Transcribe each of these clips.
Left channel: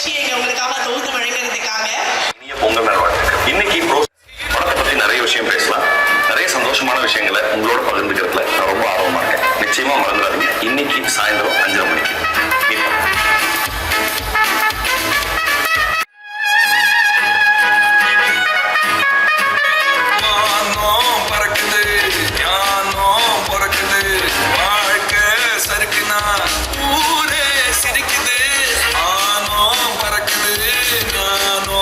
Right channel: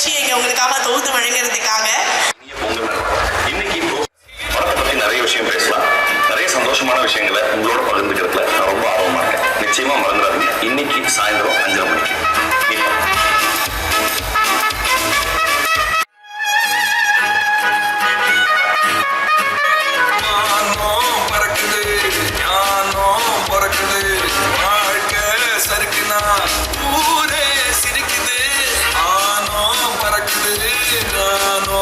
நிகழ்ச்சியை உங்களுக்காக தொகுத்து வழங்குறதுக்காக பொங்கல் நல்வாழ்த்துக்கள். இன்னைக்கு படத்தை பத்தி நிறைய விஷயம் பேசலாம். நிறைய சந்தோஷமான விஷயங்களை உங்களோட பகிர்ந்துக்கிறதுல நான் ரொம்ப ஆர்வமா இருக்கேன். நிச்சயமா மறந்துடாதீங்க. இன்னைக்கு சாயந்தரம் 5:30 மணிக்கு சிரிக்குது, ஆனோ பறக்குது, நானோ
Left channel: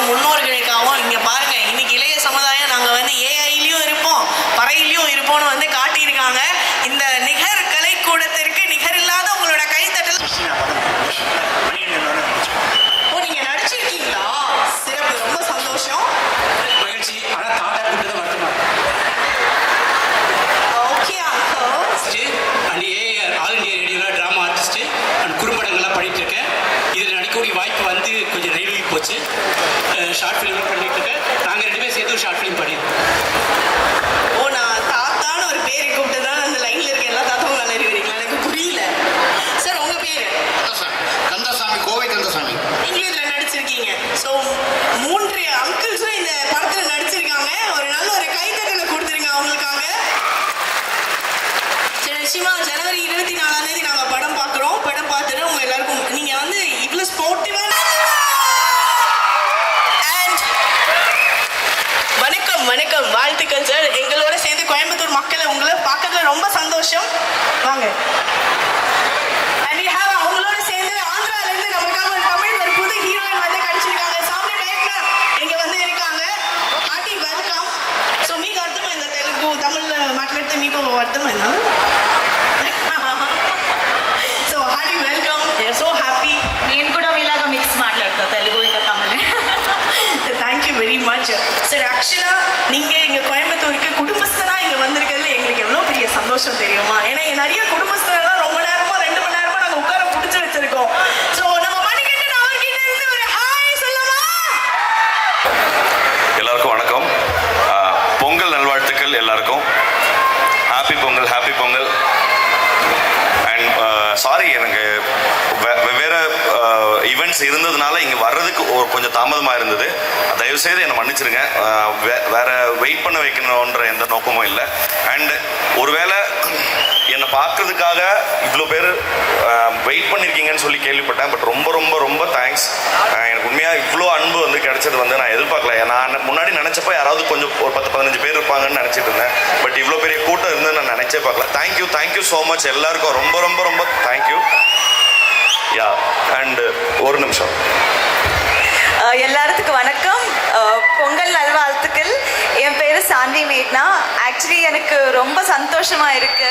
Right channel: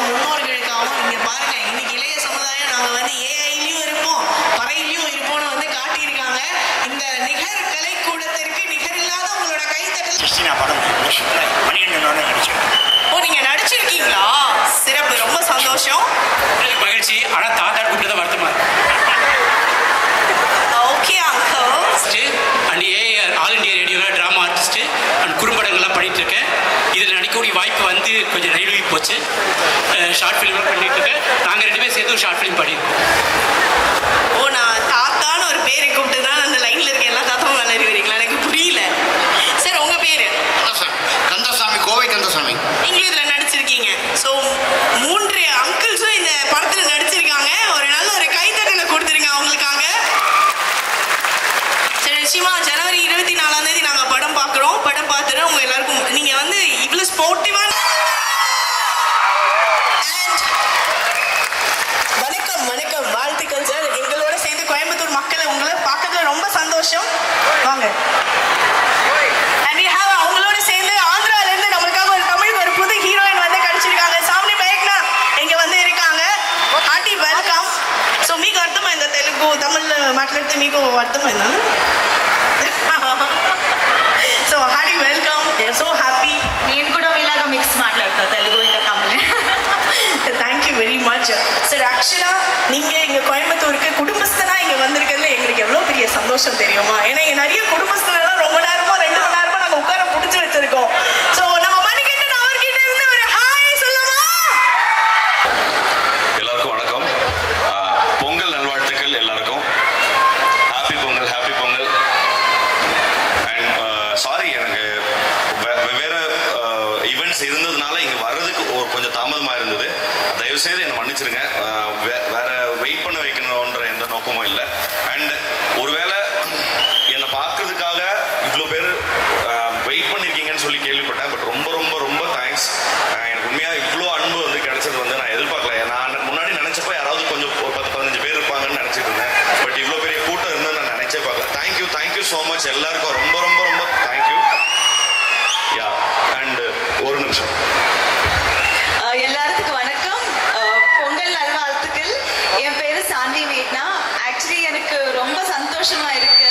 பெற்றோர்களுக்காகவும் முன்னோர்களுக்காகவும் இங்க பாருங்க, இன்னைக்கு இளைய சமுதாயம் நாங்க வந்து ஏஐலயும் இருப்போம், பறையிலயும் இருப்போம்னு வந்து காட்டியிருக்காங்க. இந்த நிகர் கலைக்கூடத்திற்கு நிகரில்லாத உங்களோட கைத்தட்டல். ஓ, நீங்க நடிச்சிருக்கீங்களா? சிறப்பு, ரொம்ப சந்தோஷம், மகிழ்ச்சி. ஆனா தாத்தா கூப்பிட்டு தான் வருத்தமா okay and AIR all India ரேடியோவில் ட்ராமா ஆர்டிஸ்ட் அண்ட் குறும்படங்கள்லாம் பண்ணிட்டு இருக்கேன். இதில் நடிக்கக்கூடிய வாய்ப்பு வந்து கொஞ்சம் நெருங்கி போச்சு. ஷார்ட் ஃபிலிம் பண்ணிட்டு இருக்கேன். நாங்கள் 2 பேரும் சேர்த்து ஒரு ஷார்ட் ஃபிலிம் பண்ணியிருக்கோம். ஓ, நான் தாத்தான்னு ஒரு பேரை கூப்பிட்டு தான் அந்த லைன்ல இருக்க எல்லா தாத்தாவும் நல்லா இருக்கிறீங்களா? எனக்கு புரியல சார். உங்க பேரு? கந்தசாமி, கோவை கந்தசாமி. நீங்களும் இதுல நடிச்சிருக்கீங்க. ஸோ 3 அங்கிள்ஸும் இந்த படத்துல நடிச்சிருக்காங்க. ஒரு நல்ல ஒரு கைத்தட்டலை கொடுத்துருங்க அவங்களுக்காக. சரி, நிச்சயமா ஜனவரி 24ஆம் தேதி நாங்க படம் பார்க்குறோம். படம் பார்த்துட்டு உங்க எல்லாருக்கும் நீங்க வந்து இவ்வளவு ஸ்போர்ட்டிவா. வணக்கம் வணக்கம், வாழ்த்துக்கள் சார். எங்களோட சேர்ந்து கோயம்புத்தூர் மக்களை உங்களை பார்க்கறதுல ரொம்ப சந்தோஷம். வாங்க. And we have அவங்களோட சேர்ந்து ஆந்திரால இருந்து நமக்காக ஒரு தமிழ் ஒரு புது ஹீரோயின் வந்து கிடைச்சிருக்காங்க. சாமி மேக்னா இங்க வந்து இருக்காங்க. Hearty welcome. సో మీకు అర్థమైందా తెలుగు? తమిళ్లో మాట్లాడితే మీకు అర్థమైందా? So hearty welcome. We are so happy. నేను కూడా ఇలాగా మిక్స్ మాట్లాడతా తెలుగు ఇంకా Tamil. Thank you very much sir. ஆக்சுவலா நீங்க இங்க கோயம்புத்தூருக்கு குடும்பஸ்தனா இங்க வந்திருக்கிறது எங்களுக்கு எவ்வளவு பெரிய சந்தோஷம் தெரியுமா? ஏன்னா இங்க நிறைய குடும்பஸ்தரெல்லாம் ரொம்ப நேரமா 2 மணி நேரமா நாங்க உட்கார பிடிச்சு வச்சிருக்கோம். சோ நம்ம மணிகண்டன் அவர்கிட்ட இருந்து ஒரு ஹாய் சொல்லுமா? எல்லாருக்கும் வணக்கம். பொங்கல் நல்வாழ்த்துக்கள் எல்லாருக்கும். Happy Pongal, happy Pongal. And sorry, எனக்கு வெவ்வேறு ஈவெண்ட்ஸ் இருந்ததுனால இங்கே வர்றதுக்கு கொஞ்சம் தாமதமாக இருந்தது. தயவுசெய்து என்னை மன்னிச்சிருங்க. வேற வெயிட் பண்ண வைக்கணுன்ற எந்த நோக்கமும் இல்லை. அண்ட் ஒருவேளை என்னை பார்க்கறதுக்காக இவ்வளோ பேர் வெயிட் பண்ணியிருக்கீங்கன்னு சொல்லி கேள்விப்பட்டேன். பட் ரொம்ப ரொம்ப ரொம்ப தேங்க்ஸ். எனக்கு உண்மையாக இவ்வளோ அன்பு வந்து கிடைச்சது வந்து நான் எதிர்பார்க்கல. நான் முன்னாடி நினச்சப்போ யாராவது கொஞ்சம் ஒரு 10-15 பேர் இருப்பாங்கன்னு நினச்சிட்டு இருந்தேன். பட் இவ்வளோ பெரிய கூட்டம் இருந்து நான் நினச்சே பார்க்கல. தேங்க்யூ ஸோ மச் எல்லாருக்கும். ரொம்ப ரொம்ப ரொம்ப தேங்க்யூ. யா, அண்ட் ஒரு நிமிஷம். எல்லாத்துக்கும் வணக்கம். பொங்கல் நல்வாழ்த்துக்கள். என் பேரு சாந்தி மேட்னா. ஆக்சுவலி எனக்கு ரொம்ப சந்தோஷமா இருக்கு.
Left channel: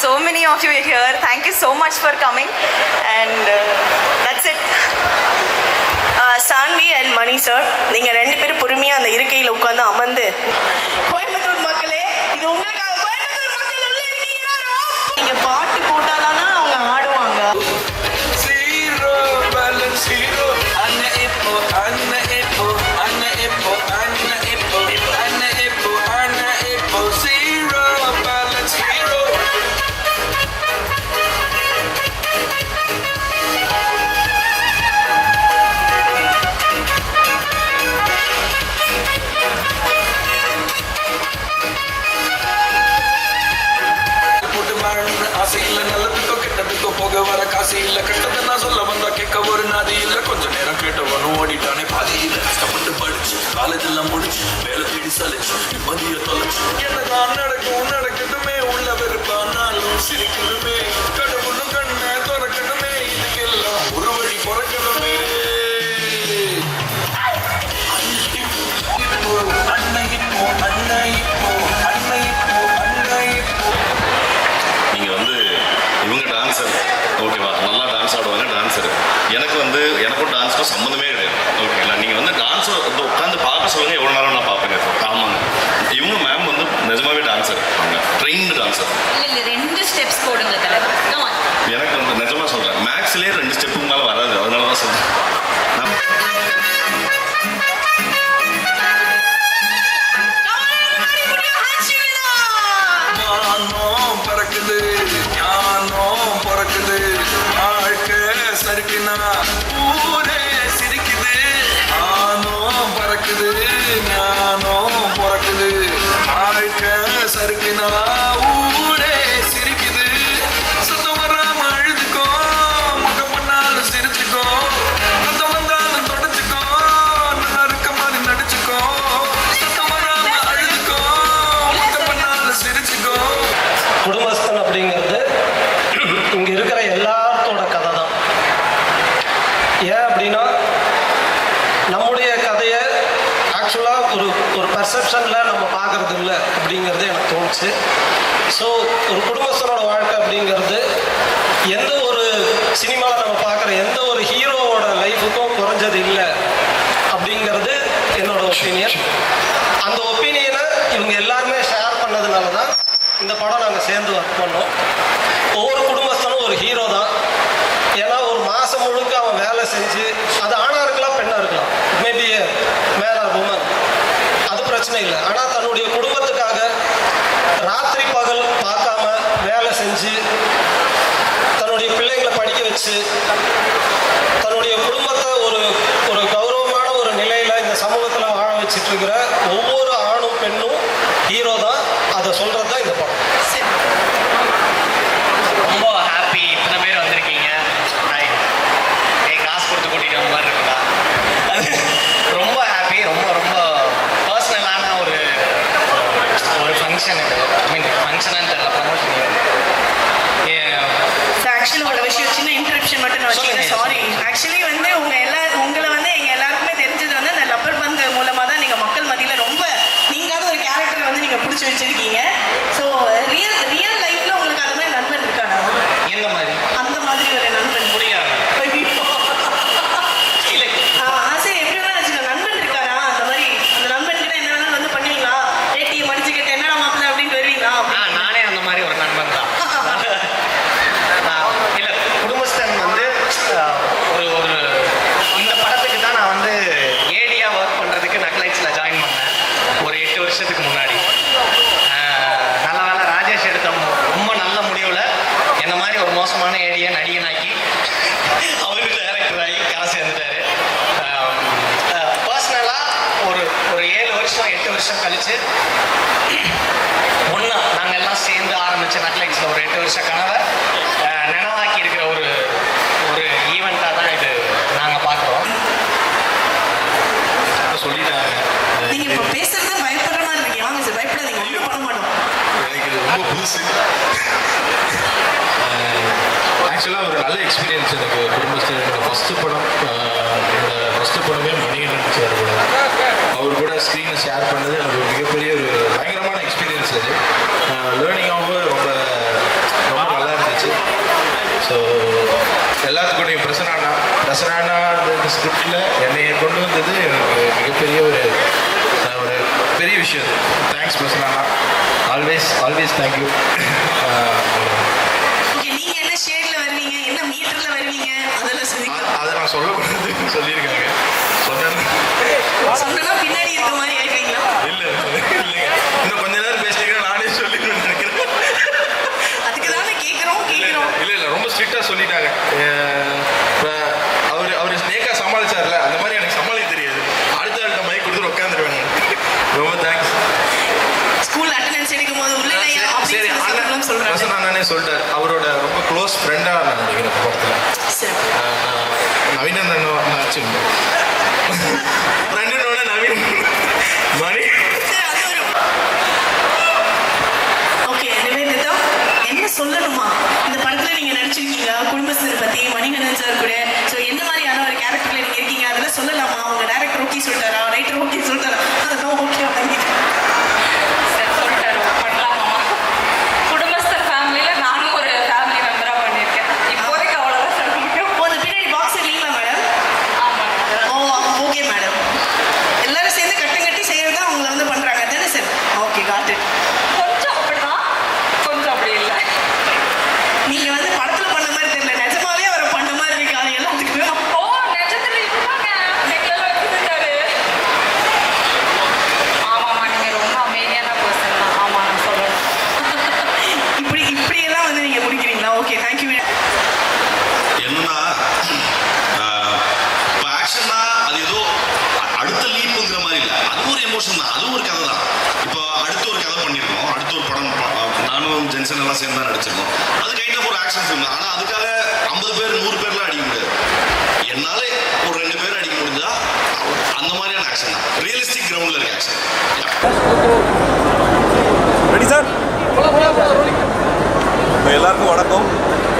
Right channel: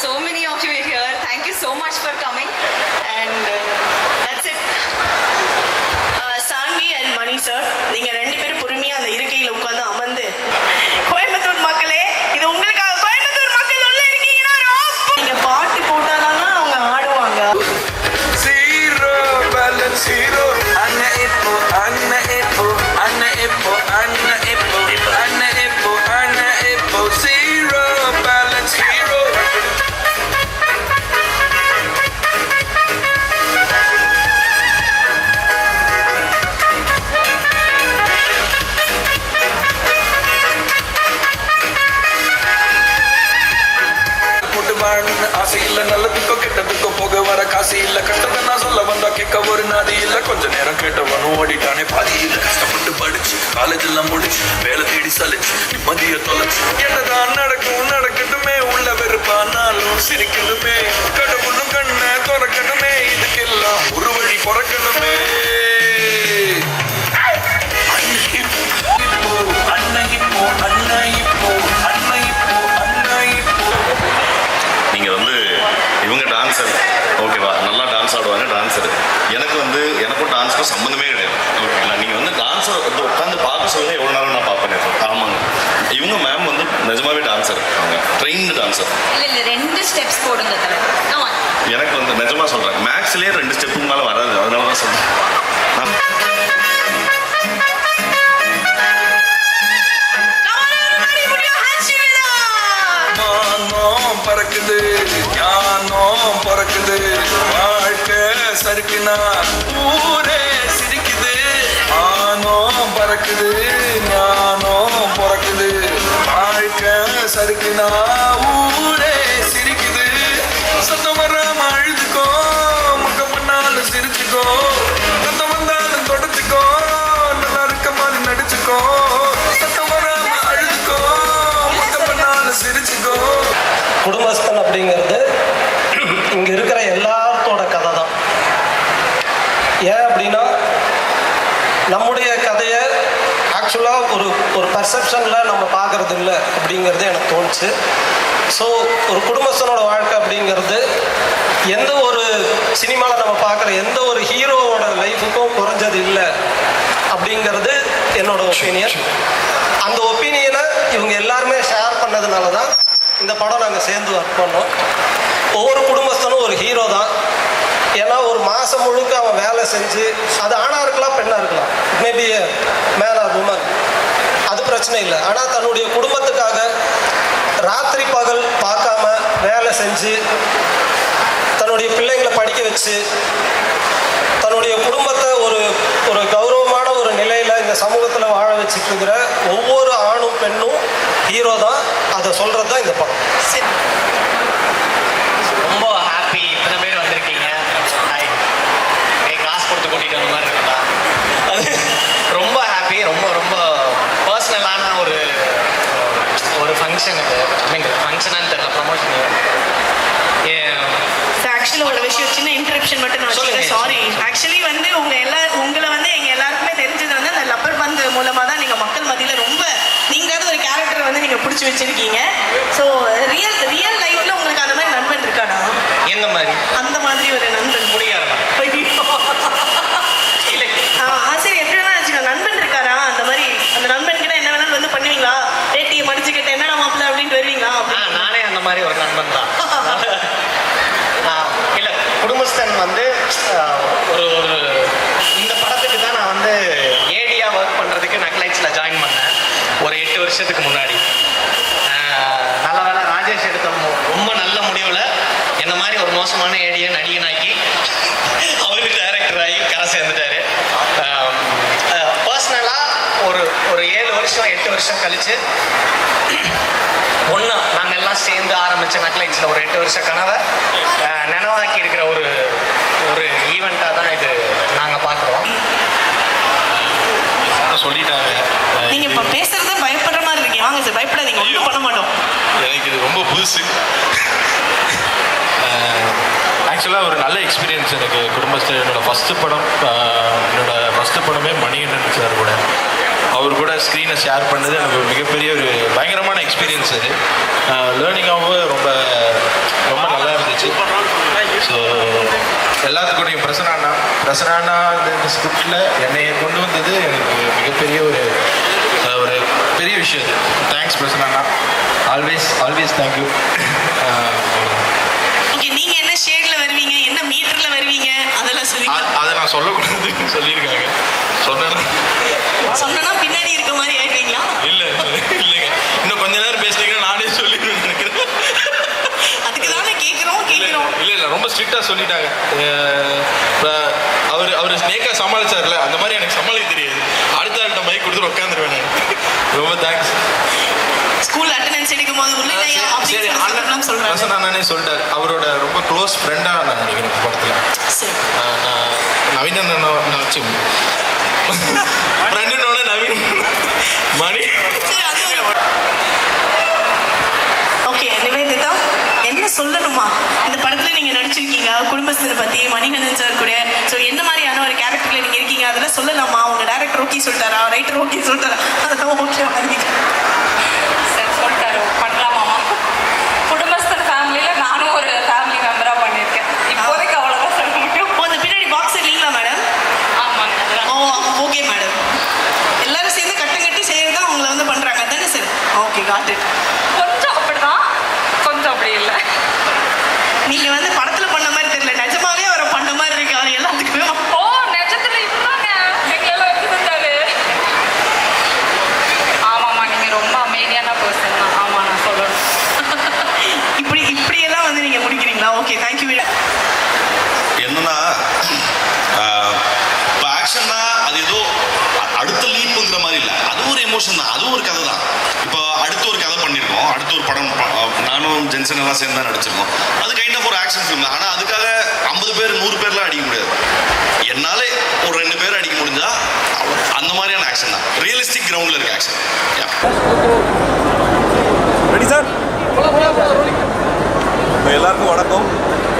So many of you are here. Thank you so much for coming. And that's it. Shanti and Mani sir, நீங்க 2 பேரும் பொறுமையா அந்த இருக்கையில உட்கார்ந்து அமர்ந்து, கோயம்புத்தூர் மக்களே, இது உங்களுக்காக. கோயம்புத்தூர் மக்கள் உள்ள இருக்கீங்கன்னா நீங்க பாட்டு போட்டாதான் அவங்க ஆடுவாங்க. Zero balance, zero. Anna Ippo, Anna Ippo, Anna Ippo, Anna Ippo, Anna Ippo, Anna Ippo. Zero balance, zero. ஆசை இல்ல, நல்லதுக்கோ கெட்டதுக்கோ போக வர காசு இல்ல. கஷ்டத்தை நான் சொல்ல வந்தா கேட்க ஒரு நாதி இல்ல. கொஞ்ச நேரம் கேட்டவனும் ஓடிட்டானே பாதி இல்ல. கஷ்டப்பட்டு படிச்சு காலேஜ் எல்லாம் முடிச்சு வேலை தேடி சலிச்சு நிம்மதிய தொலைச்சு என்னதான் நடக்கும் நடக்கட்டுமே. உள்ள வெறுப்பானாலும் சிரிக்கணுமே. கடவுளும் கண்ணை திறக்கணுமே. இதுக்கெல்லாம் ஒரு வழி பிறக்கணுமே. அன்னை இப்போ அன்னை இப்போ அன்னை இப்போ அன்னை இப்போ. நீங்க வந்து இவங்க டான்ஸர், ஓகேவா? நல்லா டான்ஸ் ஆடுவாங்க, டான்ஸர். எனக்கு வந்து எனக்கும் டான்ஸுக்கும் சம்மந்தமே கிடையாது, ஓகேங்களா? நீங்க வந்து டான்ஸர் உட்காந்து பார்க்க சொல்லுங்க, எவ்வளோ நேரம் நான் பார்ப்பேன். ஆமாங்க, இவங்க மேம் வந்து நிஜமாவே டான்ஸர், ட்ரெயின்டு டான்ஸர். இல்ல 2 ஸ்டெப்ஸ் போடுங்க. எனக்கு வந்து நிஜமா சொல்றேன், மேக்ஸ்லயே 2 ஸ்டெப்புக்கு மேல வராது. அதனால தான் சொல்றேன். பறக்குது ஞானம் பறக்குது. வாழ்க்கை சறுக்குனா ஊரே சிரிக்குது. மானம் பறக்குது ஞானம் பறக்குது. வாழ்க்கை சறுக்குனா ஊரே சிரிக்குது. சத்தம் வராம அழுதுக்கோ, முகம் பண்ணாலும் சிரிச்சுக்கோ. சத்தம் வந்தாலும் தொடச்சுக்கோ, நல்லா இருக்க மாதிரி நடிச்சுக்கோ. சத்தம் வராம அழுதுக்கோ, முகம் பண்ணாலும் சிரிச்சுக்கோ. குடும்பஸ்தன் அப்படிங்கிறது இங்கே இருக்கிற எல்லாத்தோட கதை தான். ஏன் அப்படின்னா நம்முடைய கதையை ஆக்சுவலாக ஒரு பர்செப்ஷனில் நம்ம பார்க்கறது இல்லை அப்படிங்கிறது எனக்கு தோணுச்சு. ஸோ ஒரு குடும்பஸ்தனோட வாழ்க்கை அப்படிங்கிறது எந்த ஒரு சினிமாவில் நம்ம பார்க்குற எந்த ஒரு ஹீரோவோட லைஃபுக்கும் குறைஞ்சது இல்லை அப்படிங்கிறது என்னோட ஒப்பீனியன். அந்த ஒப்பீனியனை இவங்க எல்லாருமே ஷேர் பண்ணதுனால தான் இந்த படம் நாங்கள் சேர்ந்து ஒர்க் பண்ணோம். ஒவ்வொரு குடும்பஸ்தனும் ஒரு ஹீரோ தான். ஏன்னா ஒரு மாதம் முழுக்க அவன் வேலை செஞ்சு, அது ஆணாக இருக்கலாம் பெண்ணாக இருக்கலாம், மேபி மேன் ஆர் உமன், அது பிரச்சனை இல்லை. ஆனால் தன்னுடைய குடும்பத்துக்காக ராத்திரி பகல் பார்க்காம வேலை செஞ்சு தன்னுடைய பிள்ளைகளை படிக்க வச்சு தன்னுடைய குடும்பத்தை ஒரு ஒரு கௌரவமான ஒரு நிலையில் இந்த சமூகத்தில் வாழ வச்சுட்டு இருக்கிற ஒவ்வொரு ஆணும் பெண்ணும் ஹீரோ தான். அதை சொல்கிறது தான் இந்த படம். ரொம்ப ஹாப்பி இத்தனை பேர் வந்திருக்கீங்க. காசு கொடுத்து கூட்டிட்டு வந்த மாதிரி இருக்குதா? ரொம்ப ஹாப்பி. ரொம்ப ரொம்ப பர்சனலான ஒரு ஃபங்க்ஷன் இது. ஃபங்க்ஷனான்னு தெரியல, ப்ரமோஷன். ஆக்சுவலி ஒரு விஷயம், சின்ன இன்ட்ரப்ஷன் மட்டும் நான் வச்சுக்கிறேன், சாரி. ஆக்சுவலி வந்து உங்களை வந்து எங்க எல்லாருக்குமே தெரிஞ்சது வந்து அந்த லப்பர் பந்து மூலமா தான் நீங்க மக்கள் மத்தியில ரொம்ப நீங்களாவது ஒரு கேரக்டர் வந்து நீங்க பிடிச்சி வச்சிருக்கீங்க. ஸோ ரியல் லைஃப்ல உங்களுக்கு அந்த மாதிரி நண்பன் இருக்கானா? எந்த மாதிரி? அந்த மாதிரி ஒரு நண்பன் முடியாது. சரி, எப்படி வேணா வச்சுக்கோங்க, நண்பன் இருக்கானா? அந்த மாதிரி அந்த நண்பன் கிட்ட என்ன வேணாலும் வந்து பண்ணுவீங்களா? ரேட்டியை படிச்சுக்கிட்ட என்ன மாப்பிள்ள அப்படின்ட்டு வருவீங்களா? நானே அந்த மாதிரி ஒரு நண்பன் தான். இல்லை, குடும்பஸ்தன் வந்து ஒரு ஒரு இந்த படத்துக்கு தான் நான் வந்து ஏடியா ஒர்க் பண்ணுறதுக்கு நக்லைட்ஸில் ஜாயின் பண்ணேன் ஒரு 8 வருஷத்துக்கு முன்னாடி. நல்ல வேலை ராஜேஷ் எடுத்த ரொம்ப நல்ல முடிவில் என்ன மாதிரி ஒரு மோசமான ஏடியை நடிகனாக்கி அவருக்கு டைரக்டர் ஆகி கரை சேர்ந்துட்டாரு. பர்சனலாக ஒரு 7 வருஷம் 8 வருஷம் கழிச்சு ஒன்றா நாங்கள் எல்லாம் சேர்ந்து ஆரம்பித்த நெட்ஃப்ளிக்ஸில் ஒரு 8 வருஷ கனவை நினைவாக்கி இருக்கிற ஒரு ஈவெண்ட்டாக தான் இது நாங்கள் பார்க்குறோம். சொல்லிட்டாங்க. நீங்க இப்ப பேசுறத பயப்படுற மாதிரி இருக்கீங்க. வாங்க சார், பயப்படாதீங்க, ஒன்றும் பண்ண மாட்டோம். எனக்கு இது ரொம்ப புதுசு. ஆக்சுவலாக ஒரு நல்ல எக்ஸ்பீரியன்ஸ் எனக்கு. குடும்பத்தில் என்னோட ஃபஸ்ட்டு படம், என்னோட ஃபஸ்ட்டு படமே மணிகண்டன் சார் கூட, அவர் கூட ஸ்க்ரீனை ஷேர் பண்ணது எனக்கு ஒரு மிகப்பெரிய ஒரு பயங்கரமான எக்ஸ்பீரியன்ஸ். அது லேர்னிங்காகவும் ரொம்ப ரொம்ப நல்லா இருந்துச்சு. ஸோ எல்லாத்துக்கூடையும் பிரசனானா இந்த ஸ்கிரிப்டில் என்னை கொண்டு வந்தது எனக்கு மிகப்பெரிய ஒரு பெரிய விஷயம். Thanks Prasanna, always thank you. Okay, நீங்க என்ன ஷேட்ல வருவீங்க, என்ன மீட்டர்ல வருவீங்க, அதெல்லாம் சொல்லுங்க. அதை நான் சொல்லக்கூடாது சொல்லியிருக்காங்க. சொன்னா பின்னாடி இருக்க மாதிரி ஏற்றுவீங்களா? இல்லை இல்லைங்க, இன்னும் கொஞ்ச நேரம் பேசிட்டீங்கன்னா நானே சொல்லிடுவேன் நினைக்கிறேன். அதுக்கு தானே கேட்குறோம். இல்லை ரொம்ப ஸ்ட்ரிக்டாக சொல்லிட்டாங்க. அவர் ஸ்னேக்காக சமாளிச்சார்ல, அந்த மாதிரி எனக்கு சமாளிக்க தெரியாது. அடுத்த ஆள்கிட்ட மைக் கொடுத்துட்டு உட்காந்துருவேன் நான். ரொம்ப தேங்க்ஸ். ஸ்கூல் அட்டெண்டன்ஸ் எடுக்கும் போது உள்ள சரி, அண்ணனே சொல்லிட்டார். அவரோட ரொம்ப க்ளோஸ் ஃப்ரெண்டாக நான் நினைக்கிறேன் படத்தில். நவீனோட ஃப்ரெண்டனோட நவீன் மணி. ஓகே, நிவேதிதா, என்ன சொல்லணுமா? இந்த படத்துல நீங்க நடிச்சிருக்கீங்க குடும்பஸ்தனை பத்தி, மணிகண்டன் சார் கூட. ஸோ எந்த மாதிரியான ஒரு கேரக்டர்ல நீங்க இருக்கீங்க, அதெல்லாம் சொல்லலாமா? உங்க டைரக்டர் ஓகே சொல்லிட்டாரா, ரைட்டர் ஓகே சொல்லிட்டாரா? அதெல்லாம் ஓகே ஜென்சன் எல்லாம் சேர்ந்து தான் நடிச்சிருக்கோம். அது கைண்ட் ஆஃப் ஒரு ஆக்ஷன் ஃபிலிம் தான். ஆனால் அதுக்காக 50 பேர் 100 பேர்லாம் அடிக்க முடியாது. என்னாலே ஒரு 2 பேர் அடிக்க முடிஞ்சா அந்த மாதிரியான ஆக்ஷன் தான். ரியலிஸ்டிக் கிரவுண்டில் இருக்க ஆக்ஷன். Ready sir? எல்லாருக்கும் வணக்கம்.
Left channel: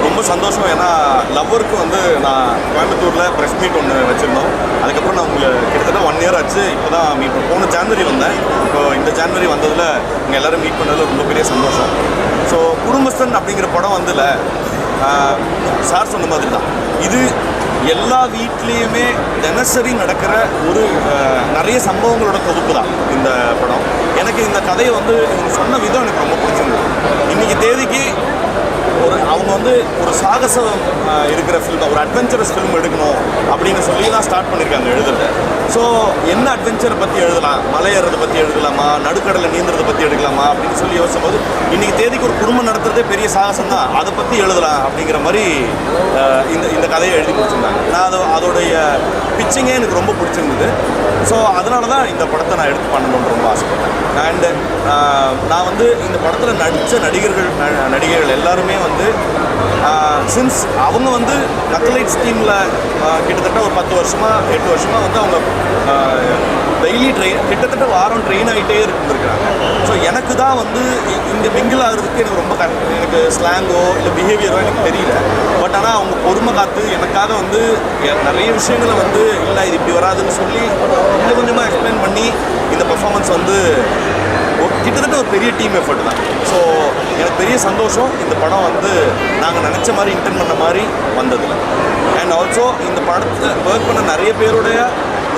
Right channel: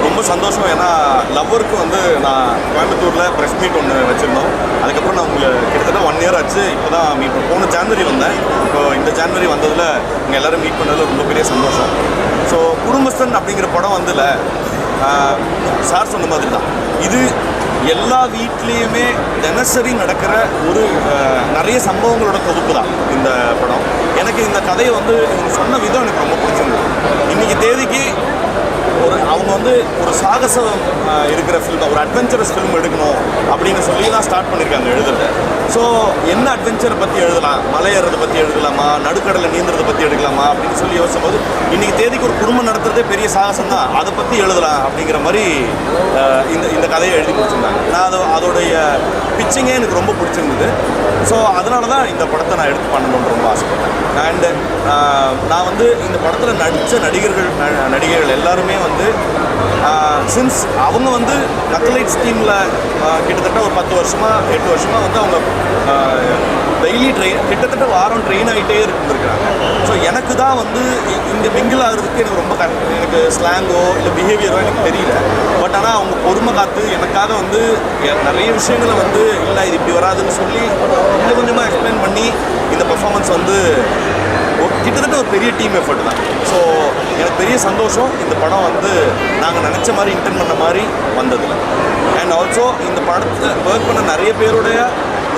ரொம்ப சந்தோஷம். ஏன்னா லவ்வருக்கு வந்து நான் கோயம்புத்தூரில் ப்ரெஸ் மீட் ஒன்று வச்சுருந்தோம். அதுக்கப்புறம் நான் உங்களுக்கு கிட்டத்தட்ட 1 year ஆச்சு. இப்போ தான் மீட் போன ஜான்வரி வந்தேன். இப்போ இந்த ஜான்வரி வந்ததில் இங்கே எல்லோரும் மீட் பண்ணதில் ரொம்ப பெரிய சந்தோஷம். ஸோ குடும்பஸ்தன் அப்படிங்கிற படம் வந்துல சார் சொன்ன மாதிரி தான் இது எல்லா வீட்லேயுமே தினசரி நடக்கிற ஒரு நிறைய சம்பவங்களோட தொகுப்பு தான் இந்த படம். எனக்கு இந்த கதையை வந்து இவங்க சொன்ன விதம் எனக்கு ரொம்ப பிடிச்சிருந்தது. இன்றைக்கி தேதிக்கு அவங்க வந்து ஒரு சாகசம் இருக்கிற ஃபில்ம், ஒரு அட்வென்ச்சரஸ் ஃபில்ம் எடுக்கணும் அப்படின்னு சொல்லி தான் ஸ்டார்ட் பண்ணியிருக்காங்க எழுதுறது. ஸோ என்ன அட்வென்ச்சரை பற்றி எழுதலாம், மலை ஏறுறதை பற்றி எழுதலாமா, நடுக்கடலை நீந்துறதை பற்றி எடுக்கலாமா அப்படின்னு சொல்லி யோசிக்கும்போது இன்றைக்கி தேதிக்கு ஒரு குடும்பம் நடத்துறதே பெரிய சாகசம் தான், அதை பற்றி எழுதலாம் அப்படிங்கிற மாதிரி இந்த கதையை எழுதி முடிச்சிருந்தாங்க. நான் அதோடைய பிச்சிங்கே எனக்கு ரொம்ப பிடிச்சிருந்தது. ஸோ அதனால தான் இந்த படத்தை நான் எடுத்து பண்ணணும்னு ரொம்ப ஆசைப்பட்டேன். அண்டு நான் வந்து இந்த படத்தில் நடித்த நடிகைகள் எல்லாருமே வந்து சின்ஸ் அவங்க வந்து நக்சலைட்ஸ் டீமில் கிட்டத்தட்ட ஒரு 10 வருஷமாக 8 வருஷமாக வந்து அவங்க டெய்லி கிட்டத்தட்ட வாரம் ட்ரெயின் ஆகிட்டே இருந்திருக்கிறாங்க. ஸோ எனக்கு தான் வந்து இங்கே மிங்கிள் ஆகிறதுக்கு எனக்கு ரொம்ப எனக்கு ஸ்லாங்கோ இல்லை பிஹேவியரோ எனக்கு தெரியல. பட் ஆனால் அவங்க பொறுமை காத்து எனக்காக வந்து நிறைய விஷயங்களை வந்து இல்லை இது இப்படி வராதுன்னு சொல்லி கொஞ்சம் கொஞ்சமாக எக்ஸ்பிளைன் பண்ணி இந்த பர்ஃபார்மன்ஸ் வந்து கிட்டத்தட்ட ஒரு பெரிய டீம் எஃபர்ட் தான். ஸோ எனக்கு பெரிய சந்தோஷம் இந்த படம் வந்து நாங்கள் நினச்ச மாதிரி இன்டென்ட் பண்ண மாதிரி வந்ததில்லை. அண்ட் ஆல்சோ இந்த படத்தை ஒர்க் பண்ண நிறைய பேருடைய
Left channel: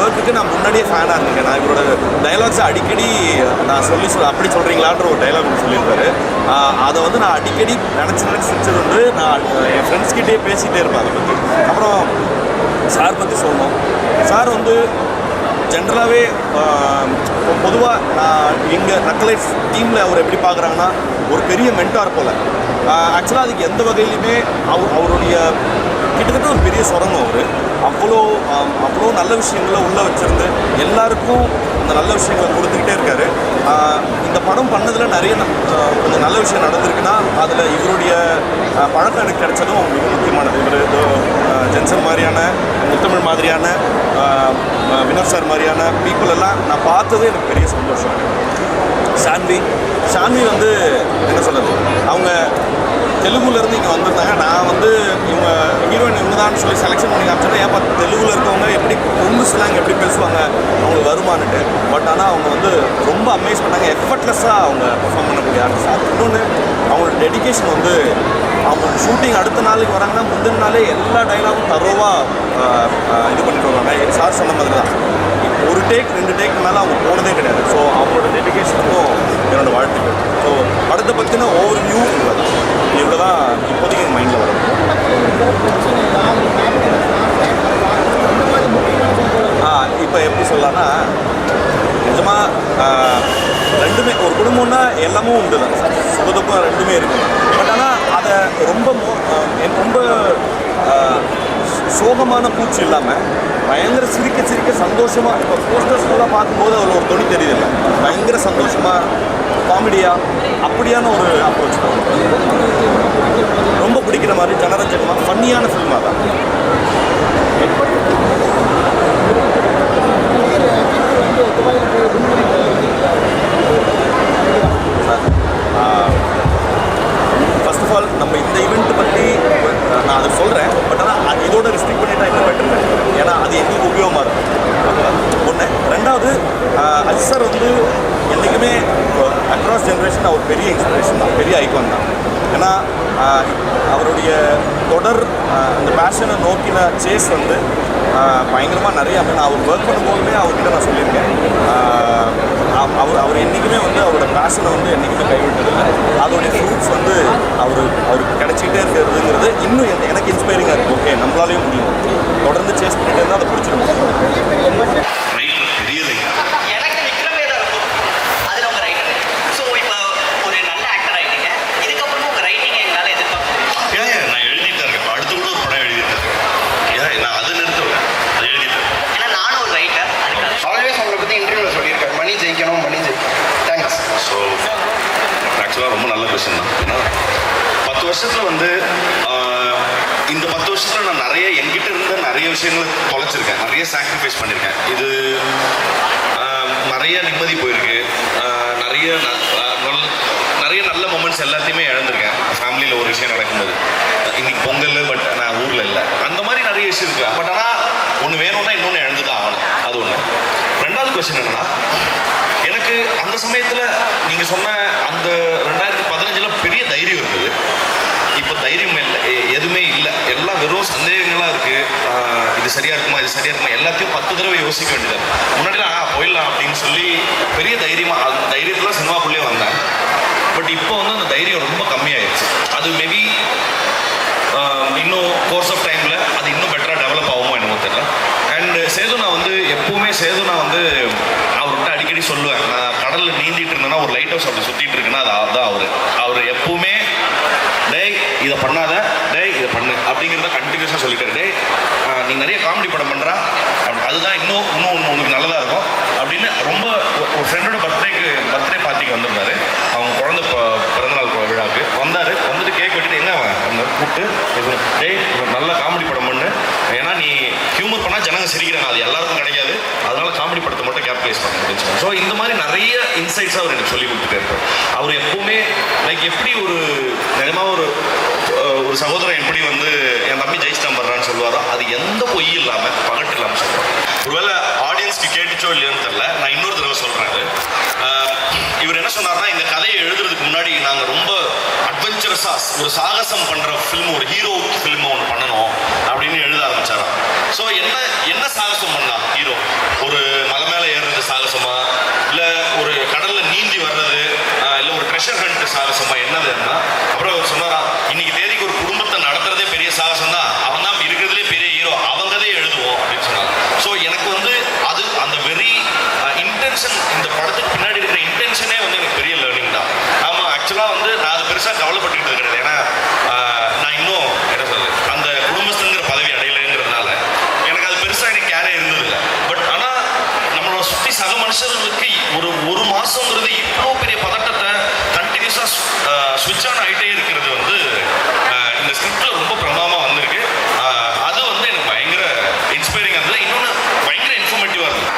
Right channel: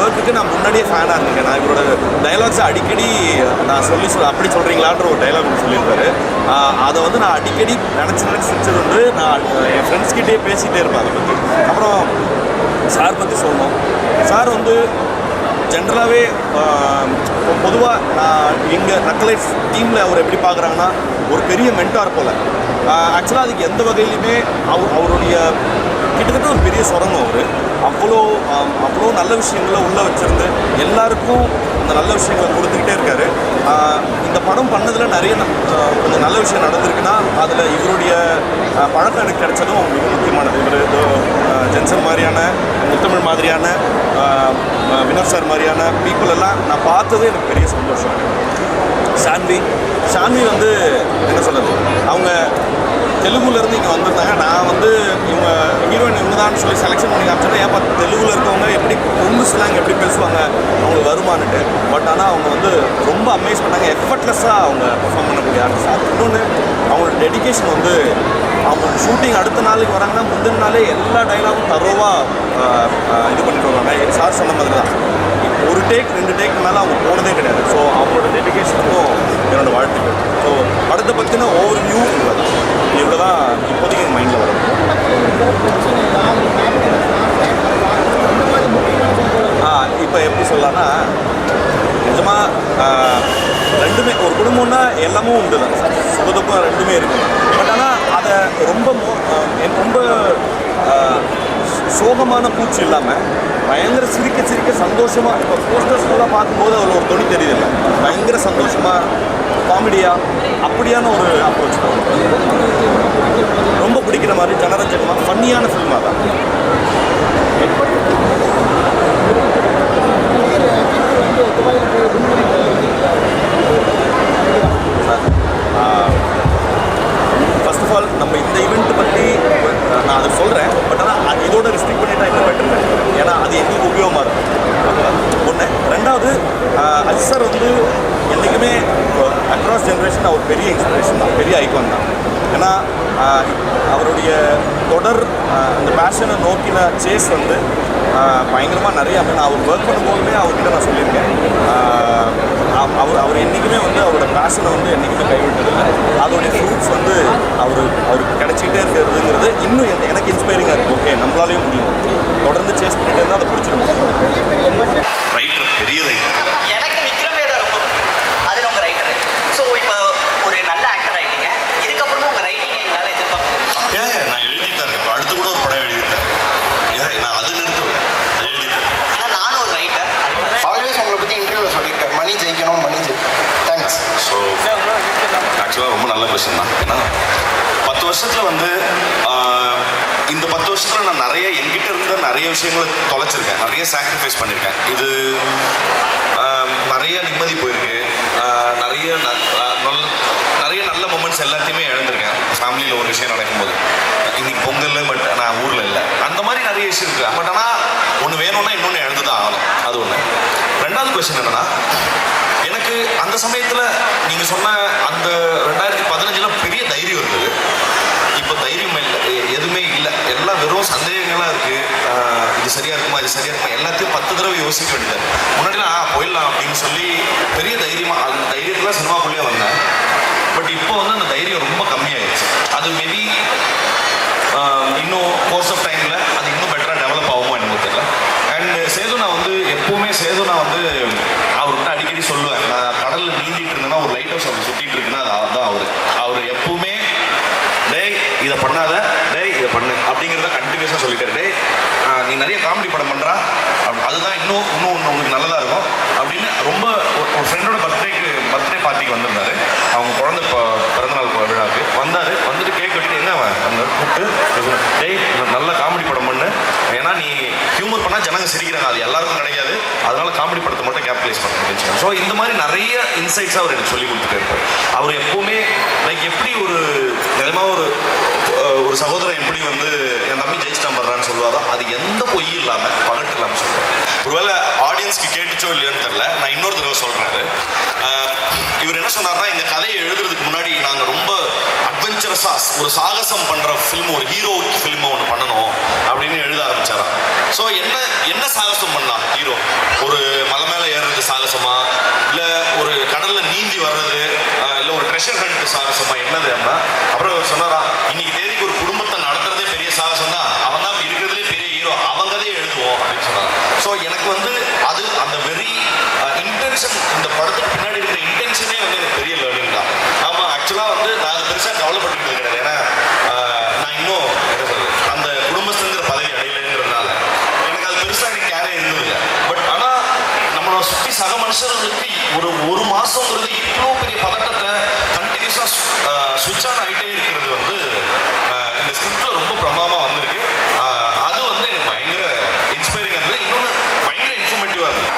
ஒர்க்குக்கு நான் முன்னாடியே ஃபேனாக இருந்திருக்கேன். நான் இவரோட டைலாக்ஸை அடிக்கடி நான் அப்படி சொல்கிறீங்களான்ற ஒரு டைலாக் சொல்லியிருப்பாரு. அதை வந்து நான் அடிக்கடி நினச்சி சிரிச்சது வந்து நான் என் ஃப்ரெண்ட்ஸ்கிட்டே பேசிகிட்டே இருப்பேன் அதை பற்றி. அப்புறம் சார் பற்றி சொல்லணும். சார் வந்து ஜென்ரலாகவே பொதுவாக நான் எங்கள் நக்சலைட்ஸ் டீமில் அவர் எப்படி பார்க்குறாங்கன்னா ஒரு பெரிய மென்டார் போல். ஆக்சுவலாக அதுக்கு எந்த வகையிலுமே அவருடைய கிட்டத்தட்ட ஒரு பெரிய சுரங்கம். அவர் அவ்வளோ நல்ல விஷயங்களை உள்ளே வச்சுருந்து எல்லாருக்கும் அந்த நல்ல விஷயங்களை கொடுத்துக்கிட்டே இருக்கார். இந்த படம் பண்ணதில் நிறைய கொஞ்சம் நல்ல விஷயம் நடந்திருக்குன்னா அதில் இவருடைய பழக்கம் எனக்கு கிடைச்சதும் மிக முக்கியமானது. இவர் ஜென்சன் மாதிரியான, முத்தமிழ் மாதிரியான, வினோத் சார் மாதிரியான பீப்புள் எல்லாம் நான் பார்த்தது எனக்கு பெரிய சந்தோஷம். ஷான்வி வந்து என்ன சொல்கிறது, அவங்க தெலுங்குலேருந்து இங்கே வந்திருந்தாங்க. நான் வந்து இவங்க ஹீரோயின் இவங்க தான் சொல்லி செலெக்ஷன் பண்ணி காமிச்சேன்னா ஏன் பார்த்து தெலுங்குல இருக்கவங்க எப்படி கொங்கு ஸ்லாங் எப்படி பேசுவாங்க அவங்களுக்கு வருமானுட்டு. பட் ஆனால் அவங்க வந்து ரொம்ப அமேஸ் பண்ணாங்க. எஃபர்ட்லெஸ்ஸாக அவங்க பெர்ஃபார்ம் பண்ணக்கூடிய ஆர்டிஸ்ட். இன்னொன்று அவங்களோட டெடிக்கேஷன் வந்து அவங்க ஷூட்டிங் அடுத்த நாளைக்கு வராங்கன்னா முந்தின நாளே எல்லா டைலாகும் தரோவாக இது பண்ணிட்டு வருவாங்க. சார் சொன்ன மாதிரி தான் ஒரு டேக் 2 டேக்கு மேலே அவங்க போனதே கிடையாது. ஸோ அவங்களோட டெடிக்கேஷனுக்கும் என்னோடய வாழ்த்துக்கள். ஸோ படத்தை பற்றின ஓவர் வியூ இவ்வளோ தான் இப்போதைக்கு எங்கள் மைண்டில் வரும். இப்போ எப்படி சொல்லலாம்னா நிஜமாக ரெண்டுமே ஒரு குடும்பம்னா எல்லாமும் உண்டு தான், சுகதுக்கம் ரெண்டுமே இருக்குது. பட் ஆனால் அதை ரொம்ப சோகமான பூச்சி இல்லாமல் பயங்கர சிரிக்க சந்தோஷமாக இப்போ போஸ்டர்ஸ்லாம் பார்க்கும்போது அதில் ஒரு தொனி தெரியுதில்லை, பயங்கர சந்தோஷமாக காமெடியாக அப்படியான ஒரு அப்ரோச் தான். ரொம்ப பிடிக்கிற மாதிரி ஜனரஞ்சகமாக ஃபன்னியான ஃபில்மாக தான். ஃபர்ஸ்ட் ஆஃப் ஆல் நம்ம இந்த ஈவெண்ட் பற்றி நான் அதை சொல்கிறேன். பட் ஆனால் இதோட ரெஸ்ட்ரிக்ட் பண்ணிட்டா இன்னும் பெட்டர். ஏன்னா அது எங்களுக்கு உபயோகமாக இருக்கும். ஒன்று. ரெண்டாவது அஜித் சார் வந்து என்றைக்குமே அக்ராஸ் ஜென்ரேஷன் அவர் பெரிய இன்ஸ்பிரேஷன் தான், பெரிய ஐகான் தான். ஏன்னா அவருடைய தொடர் அந்த பேஷனை நோக்கின சேஸ் வந்து பயங்கரமாக நிறைய. நான் அவர் ஒர்க் பண்ணும்போதுமே அவர்கிட்ட நான் சொல்லியிருக்கேன், அவர் என்றைக்குமே வந்து அவரோட பேஷனை வந்து என்றைக்குமே கைவிட்டதில்லை. அதோடைய ஃப்ரூட்ஸ் வந்து அவருக்கு கிடைச்சிக்கிட்டே இருக்கிறதுங்கிறது இன்னும் எனக்கு இன்ஸ்பைரிங்காக இருக்குது. ஓகே, நம்மளாலையும் முடியும், தொடர்ந்து சேஸ் பண்ணிட்டு இருந்தால் அதை பிடிச்சிடும். ரைட்டர், பெரிய ரைட்டர். எனக்கு விக்ரமே தான் ரொம்ப பிடிக்கும். அதில் உங்கள் ரைட்டர். ஸோ இப்போ ஒரு நல்ல ஆக்டர் ஆகிட்டீங்க, இதுக்கப்புறமும் உங்கள் ரைட்டிங்கை எங்களால் எதிர்பார்க்க. நான் எழுதிட்டேன். இப்போ அடுத்து கூட ஒரு படம் எழுதிட்டேன். நான் அது நிறுத்துவேன், அது எழுதிட்டேன். ஏன்னா நானும் ஒரு ரைட்டர். ஆல்வேஸ் உங்களை பற்றி இன்டர்வியூவில் சொல்லியிருக்காரு, மணி ஜெயிக்கணும், மணி ஜெயிக்கணும். தேங்க்ஸ். ஸோ ஆக்சுவலாக ரொம்ப நல்ல கொஸ்டின் தான். ஏன்னா 10 வருஷத்தில் வந்து இந்த 10 வருஷத்தில் நான் நிறைய என்கிட்ட இருந்த நிறைய விஷயங்களை தொலைச்சிருக்கேன், நிறைய சாக்ரிஃபைஸ் பண்ணியிருக்கேன். இது நிறைய நிம்மதி போயிருக்கு, நிறைய நல்ல மொமெண்ட்ஸ் எல்லாத்தையுமே இழந்திருக்கேன். ஃபேமிலியில் ஒரு விஷயம் நடக்கும்போது இன்னைக்கு பொங்கல் விஷயம் என்னன்னா, எனக்கு அந்த சமயத்தில் நீங்கள் சொன்ன அந்த 2015 பெரிய தைரியம் இருந்தது. இப்போ தைரியம் இல்லை, எதுவுமே இல்லை, எல்லாம் வெறும் சந்தேகங்களாக இருக்குது. இது சரியா இருக்குமா, இது சரியா இருக்குமா, எல்லாத்தையும் 10 தடவை யோசிக்க வேண்டியது. முன்னாடிலாம் போயிடலாம் அப்படின்னு சொல்லி பெரிய தைரியமாக அந்த தைரியத்தில் சினிமாக்குள்ளேயே வந்தேன். பட் இப்போ வந்து அந்த தைரியம் ரொம்ப கம்மியாயிடுச்சு. அது மேபி இன்னும் கோர்ஸ் ஆஃப் டைமில் அது இன்னும் பெட்டராக டெவலப் ஆகுமோ என்னமோ தெரியல. அண்ட் சேதுனா வந்து எப்பவுமே சேதுனா வந்து அவர்கிட்ட அடிக்கடி சொல்லுவேன், நான் கடலில் நீந்திட்டு இருந்தேன்னா ஒரு லைட் ஹவுஸ் அவர் சுற்றிட்டு இருக்குன்னா அது அதுதான் அவர் எப்பவுமே டேய் இதை பண்ணாத, டேய் இதை பண்ணு அப்படிங்கிறத கண்டினியூஸாக சொல்லிட்டாரு. டேய் நீ நிறைய காமெடி படம் பண்ணுறா, அதுதான் இன்னும் உங்களுக்கு நல்லதாக இருக்கும் அப்படின்னு ரொம்ப ஒரு ஃப்ரெண்டோட பர்த்டே பார்ட்டிக்கு வந்திருந்தாரு. அவங்க குழந்தை பிறந்தநாள் விழாவுக்கு வந்தார். வந்துட்டு கேக் வெட்டிட்டு என்ன அந்த கூப்பிட்டு டேய் நல்ல காமெடி படம் பண்ணு, ஏன்னா நீ ஹியூமர் பண்ணால் ஜனங்க சிரிக்கிறாங்க, அது எல்லாருக்கும் கிடைக்காது, அதனால காமெடி படத்தை மட்டும் கேப்டலைஸ் பண்ண முடியும். ஸோ இந்த மாதிரி நிறைய இன்சைட்ஸாக அவர் எனக்கு சொல்லி கொடுத்துருக்காரு. அவர் எப்பவுமே லைக் எப்படி ஒரு நிஜமாக ஒரு சகோதரன் எப்படி வந்து என் தம்பி ஜெயிச்சிட்டான் பண்றான்னு சொல்லுவாரோ, அது எந்த பொய் இல்லாமல் பகட்டு இல்லாமல் சொல்லுவார். ஒருவேளை ஆடியன்ஸ்க்கு கேட்டுச்சோ இல்லையோன்னு தெரியல, நான் இன்னொரு தடவை சொல்றாரு. இவர் என்ன சொன்னார்னா, இந்த கதையை எழுதுறதுக்கு முன்னாடி நாங்கள் ரொம்ப அட்வென்ச்சரஸா ஒரு சாகசம் பண்ற ஃபிலிம், ஒரு ஹீரோ ஃபிலிம் ஒன்று பண்ணணும் அப்படின்னு எழுத ஆரம்பிச்சாராம். ஸோ என்ன சாகசம் பண்ணலாம் ஹீரோ? ஒரு மலை மேலே ஏறுறது சாகசமா, இல்லை ஒரு கடல்ல நீந்தி வர்றது, இல்லை ஒரு ட்ரெஷர் ஹண்ட் சாகசமா, என்னதுன்னா அப்புறம் அவர் சொன்னாரா, இன்னைக்கு தேதிக்கு ஒரு குடும்பத்தை நடத்துறதே பெரிய சாகசம் தான், அவன் தான் இருக்கிறதுலே பெரிய ஹீரோ, அவங்கதே எழுதுவோம் அப்படின்னு சொன்னாங்க. ஸோ எனக்கு வந்து அது அந்த வெரி இன்டென்ஷன், இந்த படத்துக்கு பின்னாடி இருக்கிற இன்டென்ஷனே வந்து எனக்கு பெரிய லேர்னிங் தான். ஆமாம், ஆக்சுவலாக வந்து நான் அதை பெருசாக டெவலப் பண்ணிக்கிறது கிடையாது. ஏன்னா நான் இன்னும் என்ன சொல்றது, அந்த குடும்பஸ்தங்கிற பதவி அடையலைங்கிறதுனால எனக்கு அது பெருசாக எனக்கு கேரே இருந்தது. பட் ஆனால் நம்மளோட சுற்றி சக மனுஷர்களுக்கு ஒரு மாசங்கிறது இவ்வளோ பெரிய பதட்டத்தை கண்டினியூஸாக ஸ்விட்ச் ஆன் ஆகிட்டே இருக்கிறது வந்து இந்த ஸ்கிரிப்ட்ல ரொம்ப பிரமாதமாக வந்திருக்கு. அது வந்து எனக்கு பயங்கர இன்ஸ்பைரிங்காக இருந்தது. இன்னொன்று பயங்கர இன்ஃபர்மேட்டிவாக இருந்தது.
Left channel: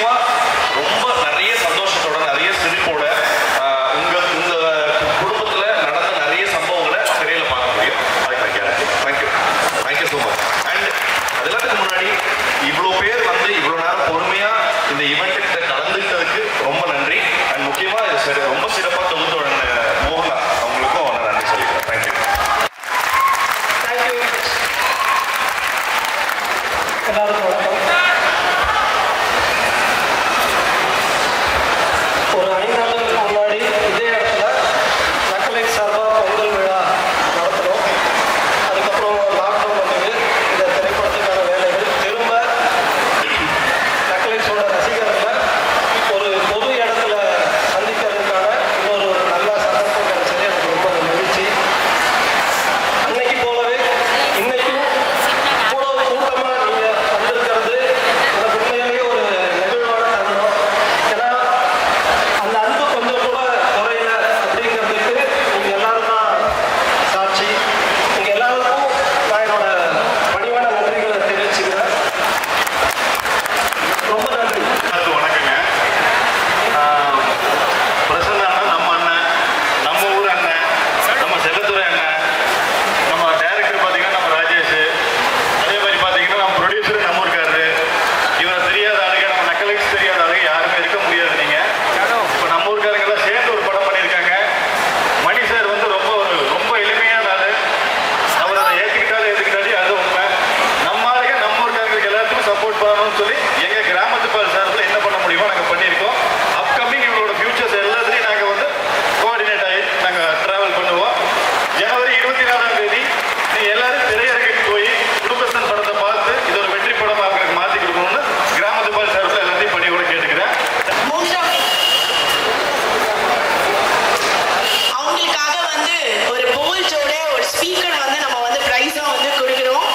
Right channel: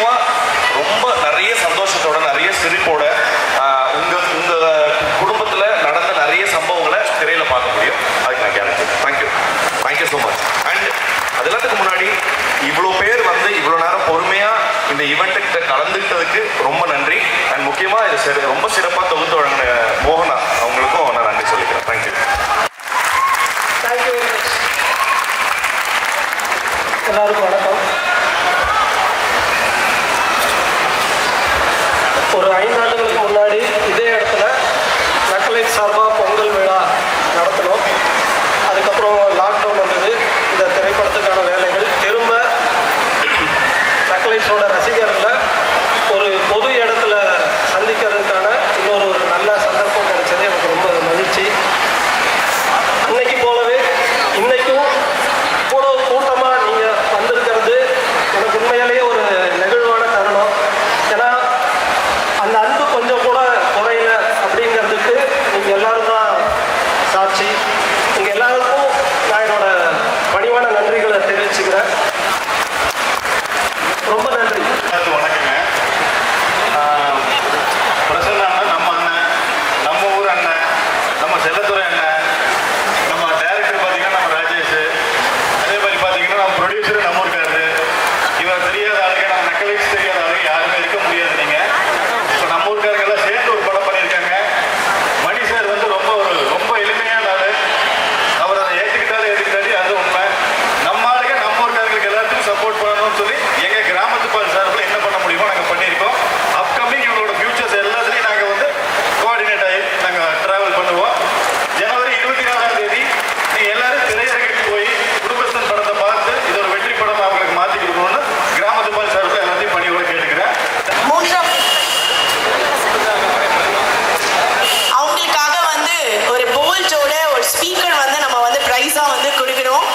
நிச்சயமா ரொம்ப நிறைய சந்தோஷத்தோட நிறைய சிரிப்போட உங்க குடும்பத்துல நடந்த நிறைய சம்பவங்களை திரையில பார்க்க முடியும். அதுக்கு நான் guarantee. Thank you so much. And அது எல்லாத்துக்கு முன்னாடி இவ்வளோ பேர் வந்து இவ்வளோ நேரம் பொறுமையா இந்த ஈவெண்ட்டுக்கிட்ட கலந்துக்கிட்டதுக்கு ரொம்ப நன்றி. அண்ட் முக்கியமா இது ரொம்ப சிறப்பாக தொகுத்து வழங்க மோகனா அவங்களுக்கும் நான் நன்றி சொல்லிக்கிறேன். தேங்க்யூ. எல்லாருக்கும் வணக்கம். ஒரு 5 ஆண்டுகளுக்கு முன்னாடி இதே இடத்துல நக்கலைட் சார்பாக பொங்கல் விழா நடத்தணும். அதுக்கப்புறம் லாக்டவுன் வந்தது. இந்த திரைப்படத்துக்கான வேலைகள் திரும்ப நக்கலைட்ஸோட ரசிகர்களை ஒரு பொது இடத்துல சந்திக்கிறதுக்கான இன்னொரு நல்ல சந்தர்ப்பம் கிடைச்சது. எனக்கு ரொம்ப மகிழ்ச்சி. அன்னைக்கு போலவே இன்னைக்கும் இவ்வளவு கூட்டமா நீங்க வந்திருக்கிறது எனக்கு உண்மையிலேயே ஒரு நெகிழ்வான தருணம். ஏன்னா அந்த அன்பு கொஞ்சம் கூட குறையல அப்படிங்கிறதுக்கு நீங்க எல்லாரும் தான் சாட்சி. நீங்க எல்லாருக்கும் நான் என்னோட பணிவான நன்றிகளை தெரிவிச்சுக்கிறேன். ரொம்ப நன்றி. வணக்கங்க. பிரசன்னா அண்ணன் நம்ம அண்ணன், நம்ம ஊர் அண்ணன், நம்ம செல்லத்துறை அண்ணன், நம்ம டைரக்டர் பார்த்தீங்கன்னா நம்ம ராஜேஷ், அதே மாதிரி பார்த்தீங்கன்னா நம்ம ப்ரொடியூசர் நம்ம ஊருக்காரு. இவர் தெரியாத ஆளுங்க, நம்ம நக்கலைட்ஸ் தெரியாத ஆளுங்க யாருமே இருக்க முடியாது. நீங்க இப்போ நம்ம ஊருக்காரங்க எல்லாம் சேர்ந்து ஒரு படம் பண்ணியிருக்காங்க. மணி சார் வந்து ரொம்ப எளிமையான ஆளு. அவர் அதை ஏற்றுக்கிட்டாலே அது உண்மை. நம்ம ஆளுங்க நம்ம ஊருக்காரங்களுக்கு எல்லாத்துக்கும் சப்போர்ட் பண்ணணும்னு சொல்லி எங்க கிராமத்து பால் சார்பில் என்ன பண்ண முடியுமோ நாங்கள் பண்ணியிருக்கோம். அப்கமிங் இவங்களோட ஃபியூச்சர்ஸ் எல்லாத்துலையும் நாங்கள் வந்து கோஆர்டினேட் ஆகி நாங்கள் ட்ராவல் பண்ணுவோம். ஜனவரி 24ஆம் தேதி நீங்கள் எல்லாரும் திரையரங்குக்கு போய் குடும்பஸ்தன் படத்தை பார்த்து இது ஒரு வெற்றி படம் அவங்களுக்கு மாற்றி கொடுக்கணும்னு கிராமத்து பால் சார்பில் எல்லாத்தையும் பணியோட கேட்டுக்கிறேன். மூன்றாம் அவங்களுக்காக வந்து ஒரு போல்ட்டோட ஒரு ஸ்பீக்கர் வந்து நம்ம வந்து பிரைஸா வந்து கொடுக்கிறோம்.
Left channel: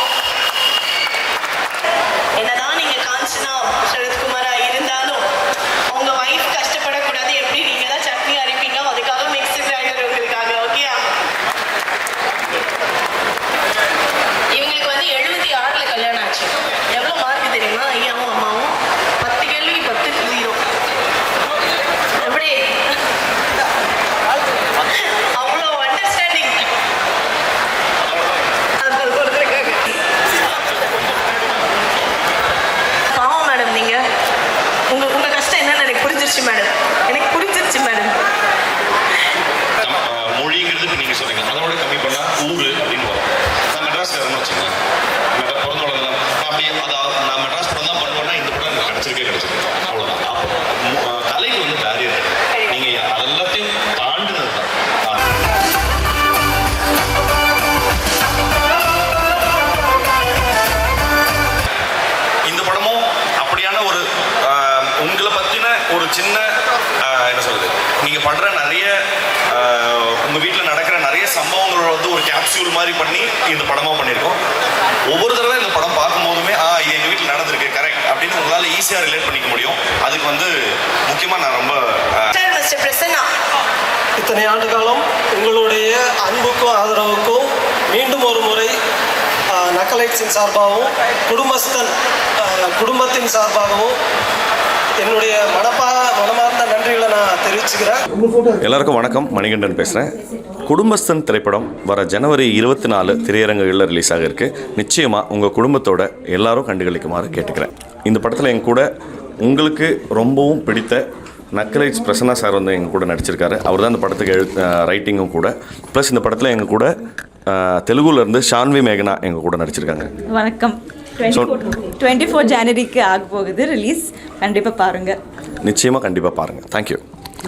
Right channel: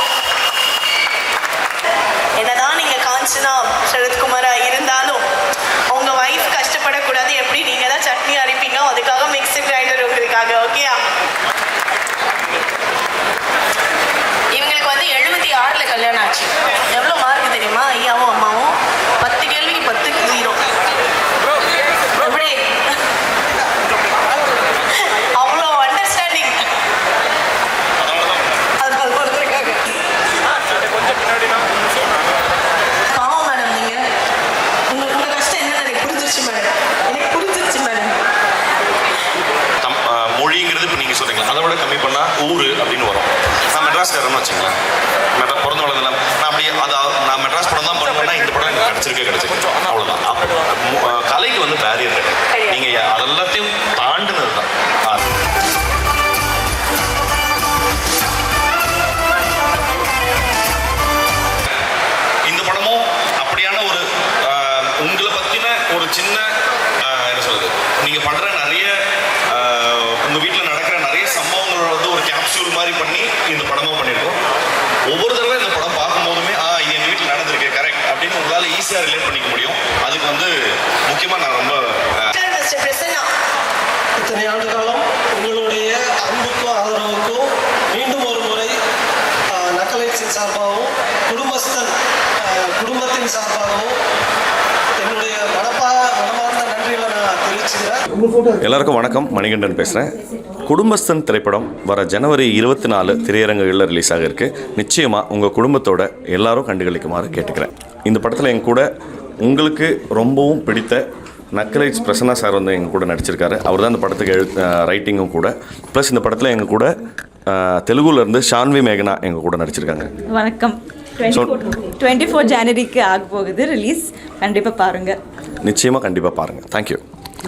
என்னதான் நீங்க காஞ்சனா சரத்குமாரா இருந்தாலும் உங்க வைஃப் கஷ்டப்படக்கூடாது. எப்படி நீங்க தான் சட்னி அரைப்பீங்க, அதுக்காக மிக்ஸி கிரைண்டர் உங்களுக்காக. ஓகேயா? இவங்களுக்கு வந்து 76ல கல்யாணம் ஆச்சு. எவ்வளவு மார்க் தெரியுமா? ஐயாவும் அம்மாவும் 10 கேள்வி 10க்கு 0. எப்படி? அவ்வளோ அண்டர்ஸ்டாண்டிங். பாவம் மேடம், நீங்க உங்க கஷ்டம் என்னன்னு எனக்கு புரிஞ்சிருச்சு மேடம். எனக்கு புரிஞ்சிருச்சு மேடம். மொழிங்கிறது இப்போ நீங்கள் சொன்னீங்க, அதை விட கம்மி பண்ணால் ஊர் அப்படின்னு வரும். நான் மெட்ராஸ்காரன்னு வச்சுங்களேன். மெட்ராஸ் பிறந்த வளர்ந்தேன். நான் அப்படி நான் மெட்ராஸ் படம் தான் பண்ணுவேன்னா இந்த படம் எனக்கு கிடைச்சிருக்கு. அவ்வளோதான். அப்போ கலைக்கு வந்து பேரியர் நீங்கள் அதெல்லாத்தையும் தாண்டினது தான். இந்த படமும் அப்படியான ஒரு உங்களை பற்றின ஒரு சின்ன என்ன சொல்றது, நீங்கள் பண்ணுற நிறைய உங்கள் வீட்டில் நடக்கிற நிறைய சம்பவங்களோட வந்து ஒரு கேப்சூல் மாதிரி பண்ணி இந்த படமும் பண்ணியிருக்கோம். ஒவ்வொரு தடவை இந்த படம் பார்க்கும்போதுமே இது எங்கள் வீட்டில் நடந்திருக்கு கரெக்ட் அப்படின்னு உங்களால் ஈஸியாக ரிலேட் பண்ணிக்க முடியும். அதுக்கு வந்து முக்கியமாக நான் ரொம்ப மிஸ்டர் பிரசன்னா, இத்தனை ஆண்டு காலம் உங்களுடைய அன்புக்கும் ஆதரவுக்கும் மீண்டும் ஒரு முறை நக்கலைட்ஸின் சார்பாகவும் குடும்பத்தின் சார்பாகவும் என்னுடைய மனமார்ந்த நன்றிகளை நான் தெரிவிச்சுக்கிறேன். எல்லாருக்கும் வணக்கம். மணிகண்டன் பேசுகிறேன். குடும்பஸ்தன் திரைப்படம் வர ஜனவரி 24 திரையரங்குகளில் ரிலீஸ் ஆக இருக்கு. நிச்சயமாக உங்கள் குடும்பத்தோட எல்லாரும் கண்டுகளிக்குமாறு கேட்டுக்கிறேன். இந்த படத்தில் என் கூட உங்களுக்கு ரொம்பவும் பிடித்த நக்கலைட்ஸ் பிரசன்னா சார் வந்து எங்கள் கூட நடிச்சிருக்காரு. அவர் தான் இந்த படத்துக்கு ரைட்டிங்கும் கூட. ப்ளஸ் இந்த படத்தில் எங்கள் கூட தெலுங்குலேருந்து ஷான்வி மேகனா எங்கள் கூட நடிச்சிருக்காங்க. வணக்கம். 24 ஜனவரிக்கு ஆக போகுது ரிலீஸ். கண்டிப்பாக பாருங்கள். நிச்சயமாக கண்டிப்பாக பாருங்கள். தேங்க்யூ.